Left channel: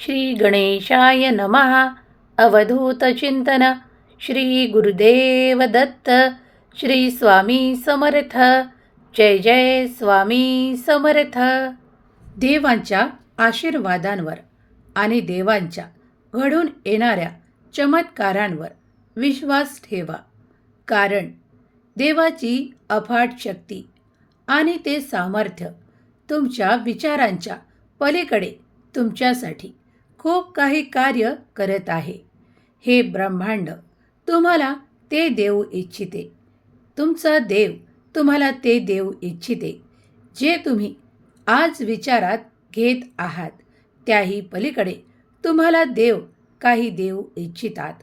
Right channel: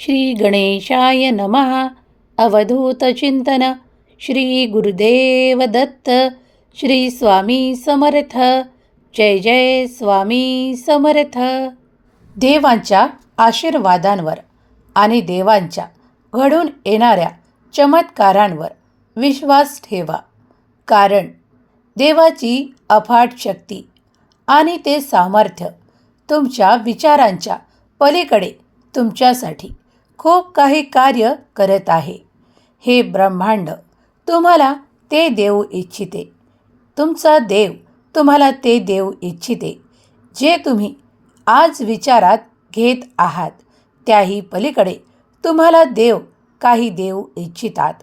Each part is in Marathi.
श्री गणेशाय नमः अवधूतचिंतन श्री गुरुदेव दत्त. श्री स्वामी समर्थ. जय जय स्वामी समर्थ. देवांच्या आशीर्वादांवर आणि देवांच्या घडून येणाऱ्या चमत्कारांवर विश्वास ठेवा. कारण देवाची अफाट शक्ती आणि ते सामर्थ्य तुमच्या विचारांच्या पलीकडे तुमच्यासाठी खूप काही कार्य करत आहे. हे ब्रह्मांड तुम्हाला ते देऊ इच्छिते. तुमचा देव तुम्हाला ते देऊ इच्छिते. जे तुम्ही आज विचारात घेत आहात त्याही पलीकडे तुम्हाला देव काही देऊ इच्छितात.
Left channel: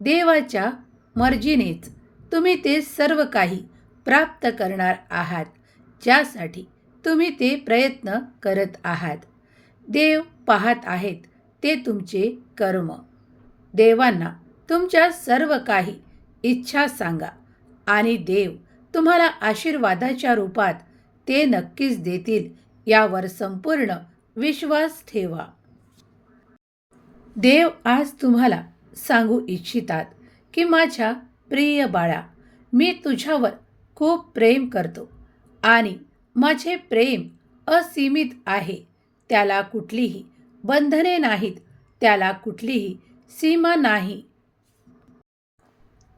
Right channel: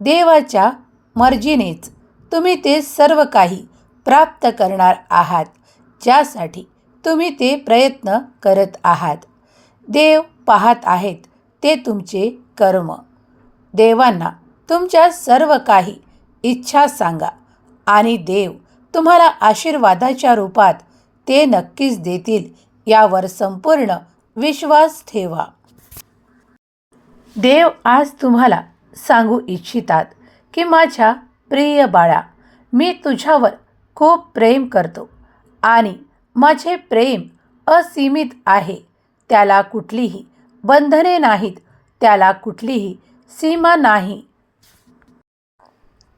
देवाच्या मर्जीनेच तुम्ही ते सर्व काही प्राप्त करणार आहात ज्यासाठी तुम्ही ते प्रयत्न करत आहात. देव पाहत आहेत ते तुमचे कर्म. देवांना तुमच्या सर्व काही इच्छा सांगा आणि देव तुम्हाला आशीर्वादाच्या रूपात ते नक्कीच देतील यावर संपूर्ण विश्वास ठेवा. देव आज तुम्हाला सांगू इच्छितात की माझ्या प्रिय बाळा मी तुझ्यावर खूप प्रेम करतो आणि माझे प्रेम असीमित आहे. त्याला कुठलीही बंधने नाहीत त्याला कुठलीही सीमा नाही.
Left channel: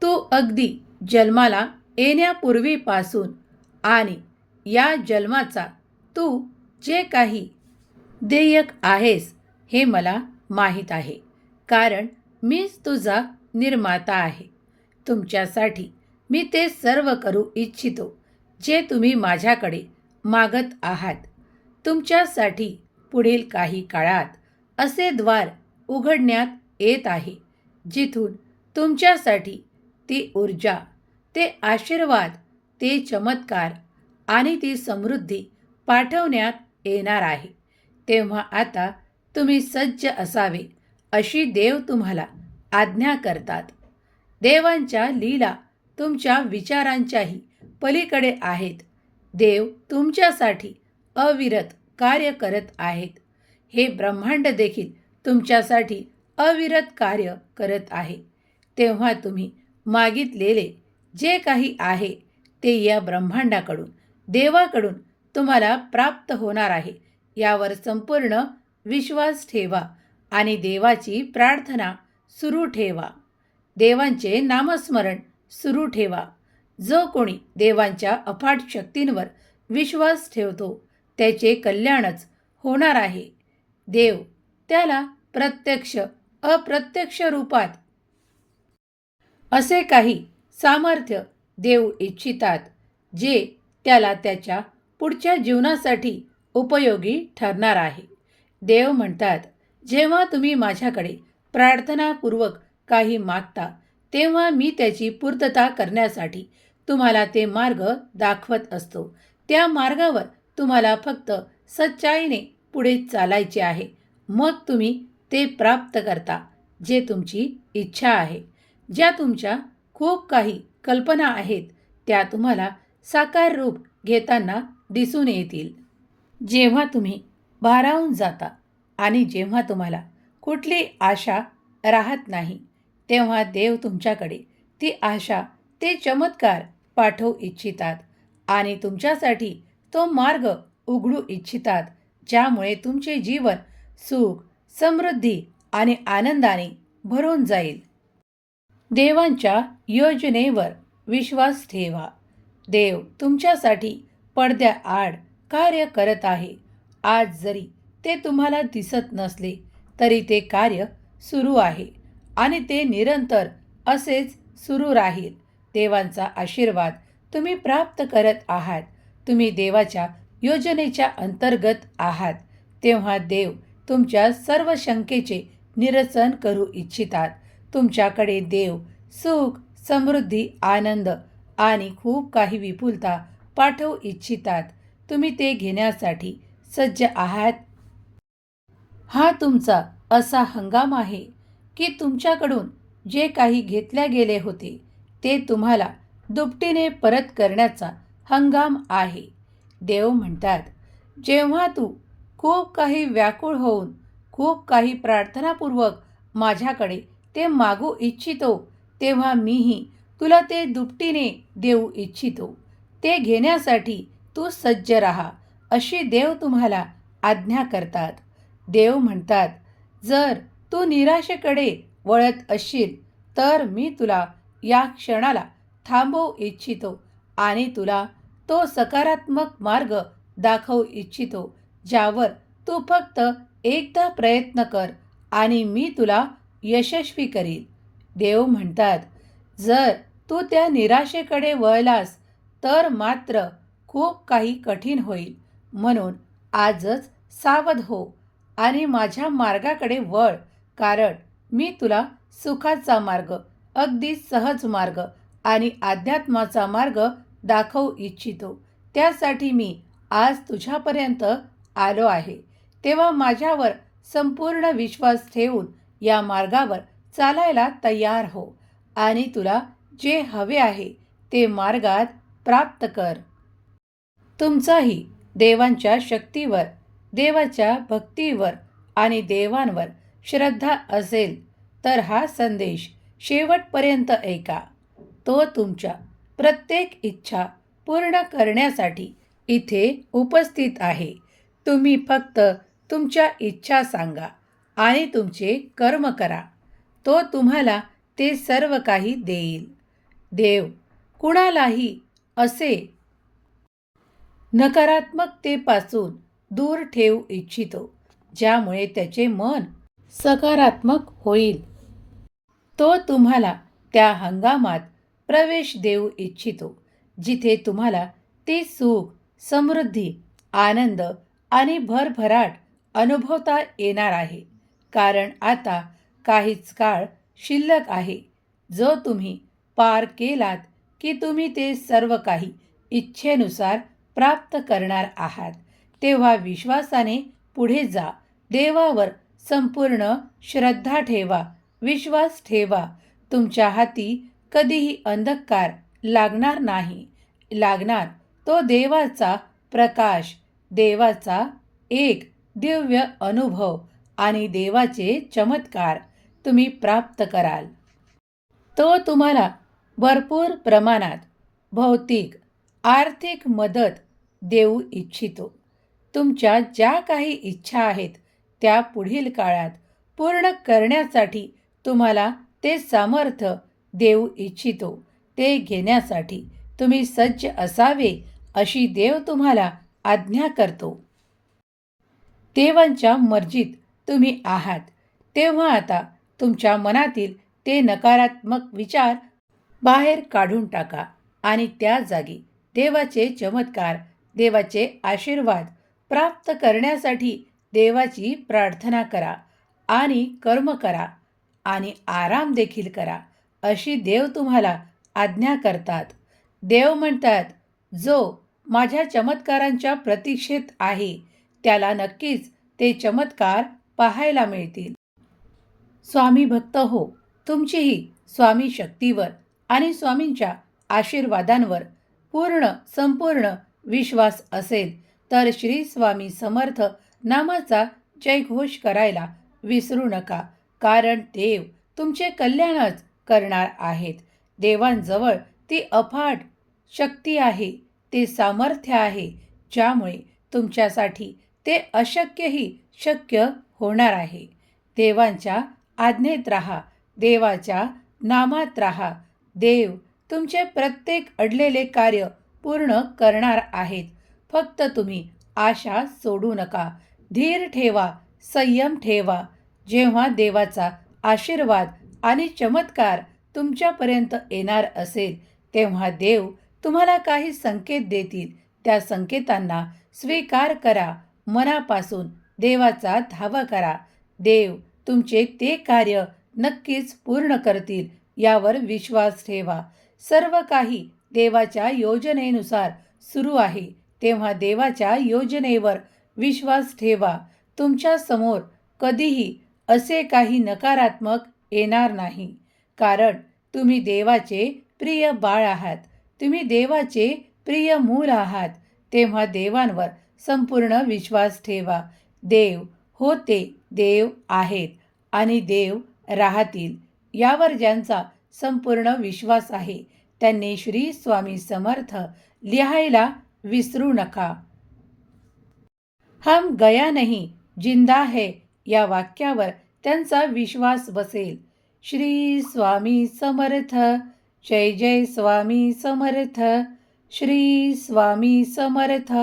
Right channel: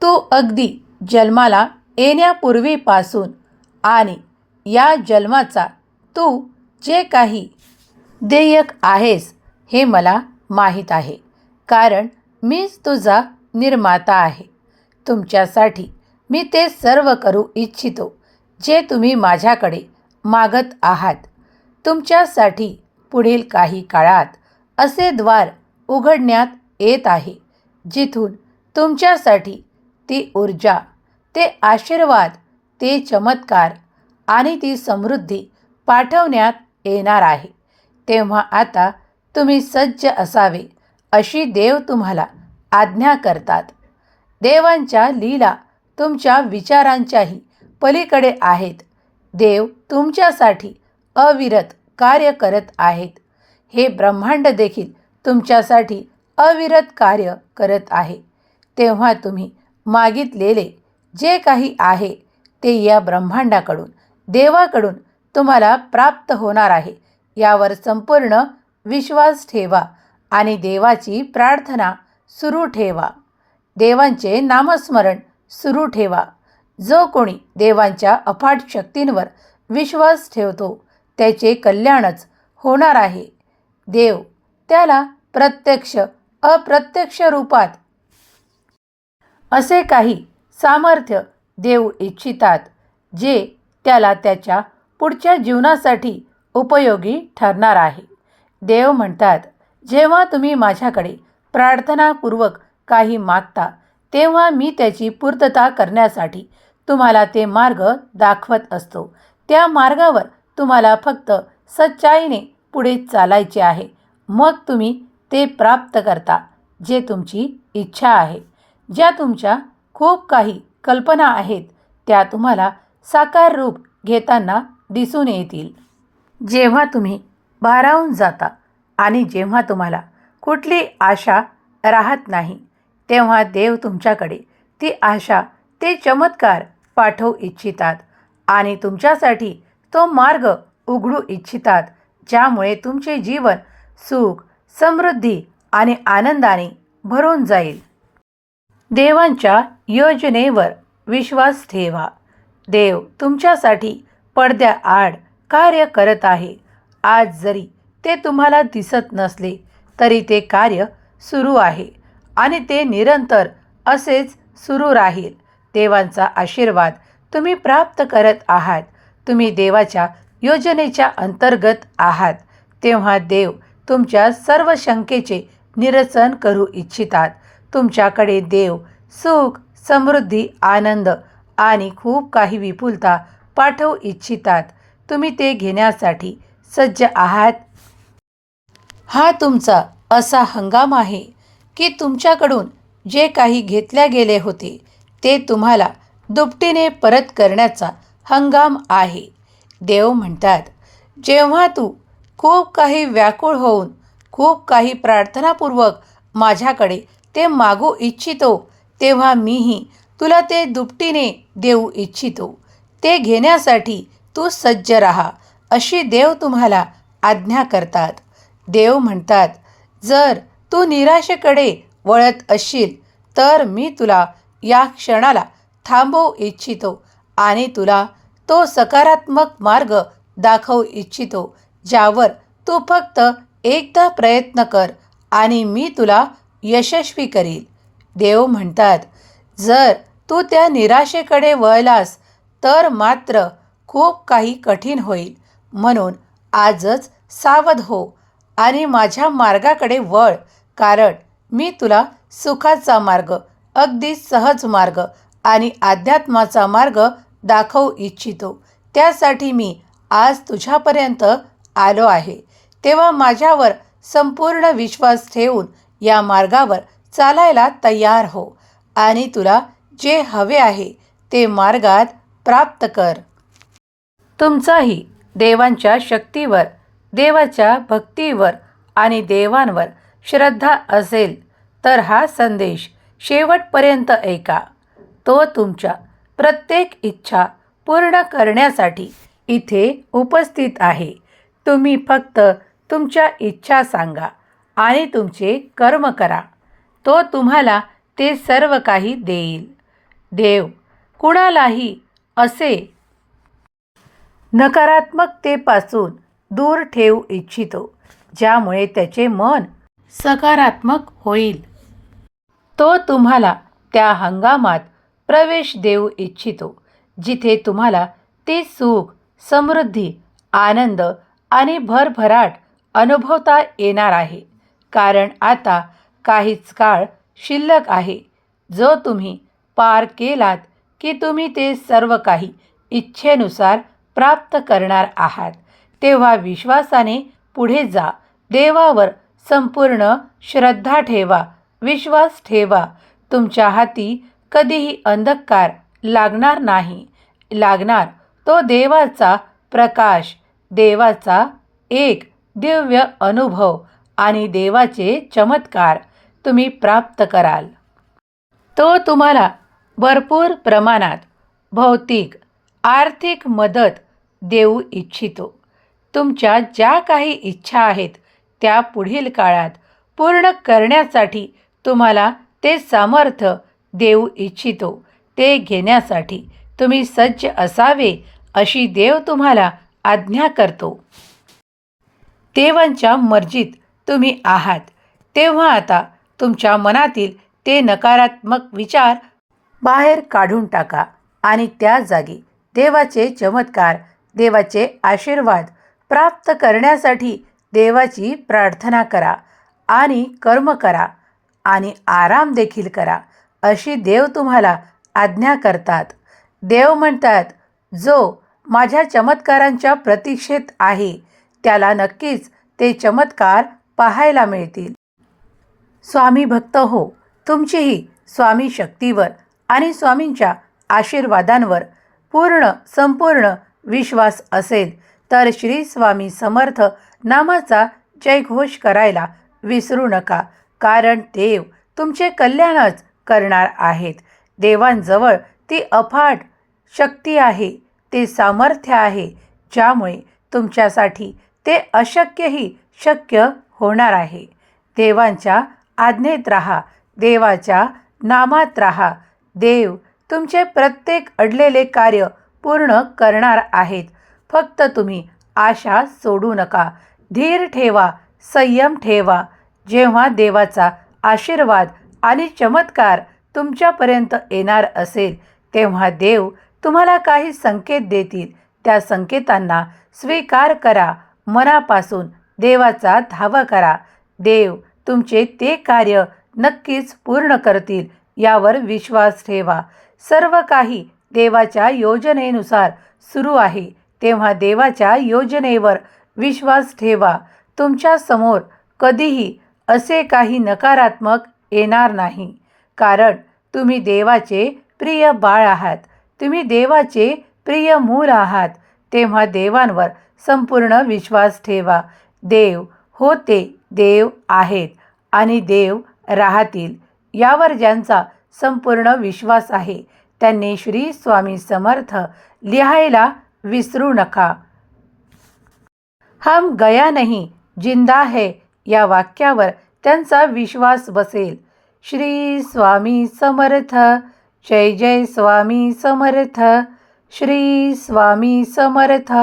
तू अगदी जन्माला येण्यापूर्वीपासून आणि या जन्माचा तू जे काही देयक आहेस हे मला माहीत आहे कारण मीच तुझा निर्माता आहे. तुमच्यासाठी मी ते सर्व करू इच्छितो जे तुम्ही माझ्याकडे मागत आहात. तुमच्यासाठी पुढील काही काळात असे द्वार उघडण्यात येत आहे जिथून तुमच्यासाठी ती ऊर्जा ते आशीर्वाद ते चमत्कार आणि ती समृद्धी पाठवण्यात येणार आहे. तेव्हा आता तुम्ही सज्ज असावे अशी देव तुम्हाला आज्ञा करतात. देवांच्या लीला तुमच्या विचारांच्याही पलीकडे आहेत. देव तुमच्यासाठी अविरत कार्य करत आहेत. हे ब्रह्मांड देखील तुमच्यासाठी अविरत कार्य करत आहे. तेव्हा तुम्ही मागितलेले जे काही आहे ते या ब्रह्मांडाकडून देवाकडून तुम्हाला प्राप्त होणार आहे. यावर संपूर्ण विश्वास ठेवा आणि देवाची प्रार्थना सुरू ठेवा. देवांचे नामस्मरण सुरू ठेवा. जो कोणी देवांच्या अफाट शक्तींवर विश्वास ठेवतो त्याचे कल्याणच होणार आहे. देव त्याला प्रत्यक्ष अप्रत्यक्ष रूपात असे काही सामर्थ्य देऊ इच्छितात जे त्याला त्याच्या पुढच्या जीवनासाठी उपयोगी ठरणार आहे. देव म्हणतात जेव्हा तुम्ही माझ्याकडे प्रार्थनापूर्वक काही मागता तेव्हा मी त्याची पूर्तता करण्यासाठी तुम्हाला ते मार्ग दाखवत असतो. त्या मार्गावर तुम्हाला फक्त सच्चाईने पुढे चालायचे आहे. मग तुम्ही ते प्राप्त करता जे तुमची इच्छा आहे. ज्या तुमच्या खूप काही कल्पना आहेत त्या तुम्हाला साकार रूप घेताना दिसून येतील. जेव्हा तुम्ही भारावून जाता आणि जेव्हा तुम्हाला कुठली आशा राहत नाही तेव्हा देव तुमच्याकडे ती आशा ते चमत्कार पाठवू इच्छितात आणि तुमच्यासाठी तो मार्ग उघडू इच्छितात ज्यामुळे तुमचे जीवन सुख समृद्धी आणि आनंदाने भरून जाईल. देवांच्या योजनेवर विश्वास ठेवा. देव तुमच्यासाठी पडद्याआड कार्य करत आहे. आज जरी ते तुम्हाला दिसत नसले तरी ते कार्य सुरू आहे आणि ते निरंतर असेच सुरू राहील. देवांचा आशीर्वाद तुम्ही प्राप्त करत आहात. तुम्ही देवाच्या योजनेच्या अंतर्गत आहात तेव्हा देव तुमच्या सर्व शंकेचे निरसन करू इच्छितात. तुमच्याकडे देव सुख समृद्धी आनंद आणि खूप काही विपुलता पाठवू इच्छितात. तुम्ही ते घेण्यासाठी सज्ज आहात. हा तुमचा असा हंगाम आहे की तुमच्याकडून जे काही घेतल्या गेले होते ते तुम्हाला दुपटीने परत करण्याचा हंगाम आहे. देव म्हणतात जेव्हा तू खूप काही व्याकुळ होऊन खूप काही प्रार्थनापूर्वक माझ्याकडे ते मागू इच्छितो तेव्हा मीही तुला ते दुपटीने देऊ इच्छितो. ते घेण्यासाठी तू सज्ज राहा. अशी देव तुम्हाला आज्ञा करतात. देव म्हणतात जर तू निराशेकडे वळत असशील तर मी तुला या क्षणाला थांबवू इच्छितो. आणि तुला तो सकारात्मक मार्ग दाखवू इच्छितो ज्यावर तू फक्त एकदा प्रयत्न कर आणि मी तुला यशस्वी करील. देव म्हणतात जर तू त्या निराशेकडे वळलास तर मात्र खूप काही कठीण होईल. म्हणून आजच सावध हो आणि माझ्या मार्गाकडे वळ कारण मी तुला सुखाचा मार्ग अगदी सहज मार्ग आणि अध्यात्माचा मार्ग दाखवू इच्छितो. त्यासाठी मी आज तुझ्यापर्यंत आलो आहे. तेव्हा माझ्यावर संपूर्ण विश्वास ठेवून या मार्गावर चालायला तयार हो आणि तुला जे हवे आहे ते मार्गात प्राप्त कर. तुमचाही देवांच्या शक्तीवर देवाच्या भक्तीवर आणि देवांवर श्रद्धा असेल तर हा संदेश शेवटपर्यंत ऐका. तो तुमच्या प्रत्येक इच्छा पूर्ण करण्यासाठी इथे उपस्थित आहे. तुम्ही फक्त तुमच्या इच्छा सांगा आणि तुमचे कर्म करा. तो तुम्हाला ते सर्व काही देईल. देव कुणालाही असे नकारात्मकतेपासून दूर ठेवू इच्छितो ज्यामुळे त्याचे मन सकारात्मक होईल. तो तुम्हाला त्या हंगामात प्रवेश देऊ इच्छितो जिथे तुम्हाला ते सुख समृद्धी आनंद आणि भरभराट अनुभवता येणार आहे. कारण आता काहीच काळ शिल्लक आहे. जो तुम्ही पार केलात की तुम्ही ते सर्व काही इच्छेनुसार प्राप्त करणार आहात. तेव्हा विश्वासाने पुढे जा. देवावर संपूर्ण श्रद्धा ठेवा. विश्वास ठेवा. तुमच्या हाती कधीही अंधकार लागणार नाही. लागणार तो देवाचा प्रकाश देवाचा एक दिव्य अनुभव आणि देवाचे चमत्कार तुम्ही प्राप्त कराल. तो तुम्हाला भरपूर प्रमाणात भौतिक आर्थिक मदत देऊ इच्छितो. तुमच्या ज्या काही इच्छा आहेत त्या पुढील काळात पूर्ण करण्यासाठी तुम्हाला ते सामर्थ्य देऊ इच्छितो. ते घेण्यासाठी तुम्ही सज्ज असावे अशी देव तुम्हाला आज्ञा करतो. देवांच्या मर्जीत तुम्ही आहात. तेव्हा आता तुमच्या मनातील ते नकारात्मक विचार बाहेर काढून टाका आणि त्या जागी देवाचे चमत्कार देवाचे आशीर्वाद प्राप्त करण्यासाठी देवाची प्रार्थना करा आणि कर्म करा आणि आराम देखील करा. अशी देव तुम्हाला आज्ञा करतात. देव म्हणतात जो माझ्या चमत्कारांच्या प्रतीक्षेत आहे त्याला नक्कीच ते चमत्कार पाहायला मिळतील. स्वामी भक्त हो तुमचीही स्वामी शक्तीवर आणि स्वामींच्या आशीर्वादांवर पूर्ण संपूर्ण विश्वास असेल तर श्री स्वामी समर्थ नामाचा जयघोष करायला विसरू नका कारण देव तुमचे कल्याणच करणार आहेत. देवांजवळ ती अफाट शक्ती आहे ते सामर्थ्य आहे ज्यामुळे तुमच्यासाठी ते अशक्यही शक्य होणार आहे. देवांच्या आज्ञेत राहा देवाच्या नामात राहा. देव तुमचे प्रत्येक अडलेले कार्य पूर्ण करणार आहेत. फक्त तुम्ही आशा सोडू नका. धीर ठेवा संयम ठेवा. जेव्हा देवाचा आशीर्वाद आणि चमत्कार तुमच्यापर्यंत येणार असेल तेव्हा देव तुम्हाला काही संकेत देतील. त्या संकेतांना स्वीकार करा. मनापासून देवाचा धावा करा. देव तुमचे ते कार्य नक्कीच पूर्ण करतील यावर विश्वास ठेवा. सर्व काही देवाच्या योजनेनुसार सुरू आहे. तेव्हा देवाच्या योजनेवर विश्वास ठेवा. तुमच्यासमोर कधीही असे काही नकारात्मक येणार नाही. कारण तुम्ही देवाचे प्रिय बाळ आहात. तुम्ही देवाचे प्रिय मूल आहात. तेव्हा देवांवर संपूर्ण विश्वास ठेवा. देव होते देव आहेत आणि देव राहतील. यावर ज्यांचा संपूर्ण विश्वास आहे त्यांनी श्री स्वामी समर्थ लिहायला विसरू नका. हम गया नहीं जिंदा है या वाक्यावर त्यांचा विश्वास बसेल. श्री स्वामी समर्थ जय जय स्वामी समर्थ श्री स्वामी समर्थ.